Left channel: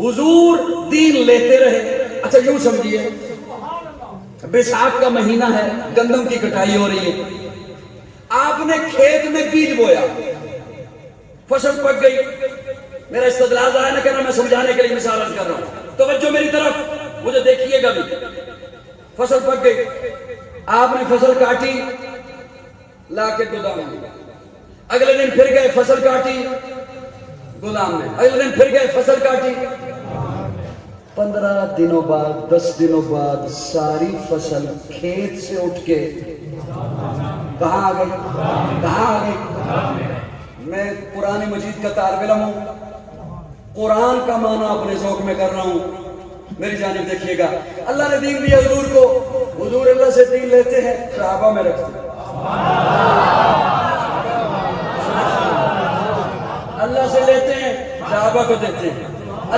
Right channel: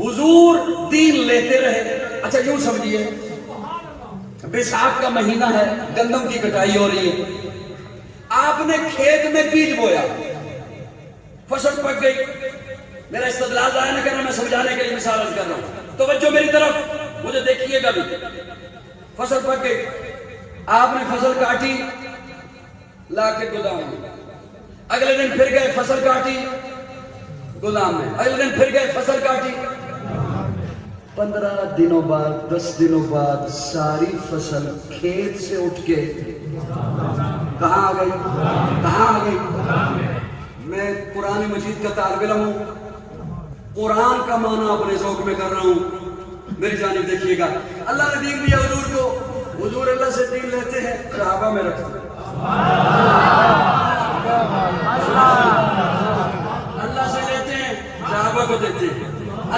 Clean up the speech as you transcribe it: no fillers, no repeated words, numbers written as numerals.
حضور دین لیتے رہے. اچھا یوں سمجھیے بیساکھ کا مہینہ ہے, گندم کی کٹائی ہو رہی ہے, آپ نے کھیت میں بیج بویا, فصل پک گئی. میرا استدلال ضائع نہ کرنا, میں سمجھانے کے لیے مثال کر رہا ہوں, توجہ میری طرف, مجھے دیکھیے گا بھی. فصل پک گئی, آپ نے فصل کاٹی, لا کے گودام میں, اگلے دن پھر گئے فصل کاٹی گودام میں, اگلے دن پھر گئے فصل کاٹی. 15 دنوں بعد 10 دنوں بعد ساری فصل کھیت سے اٹھ کے کہاں آ گئی؟ کہاں آ گئی؟ میں قرآن مجید کا طالب علم ہوں, قرآن کا معنی اپنے ذوق میں کر رہا ہوں, میری جانب دیکھیے گا. اللہ نے دین دیا حضور کو, حضور اللہ سے دین لیتے ہیں, کعبہ میں رکھتے ہیں. اللہ سے لیتے ہیں, کعبہ کو دیتے ہیں.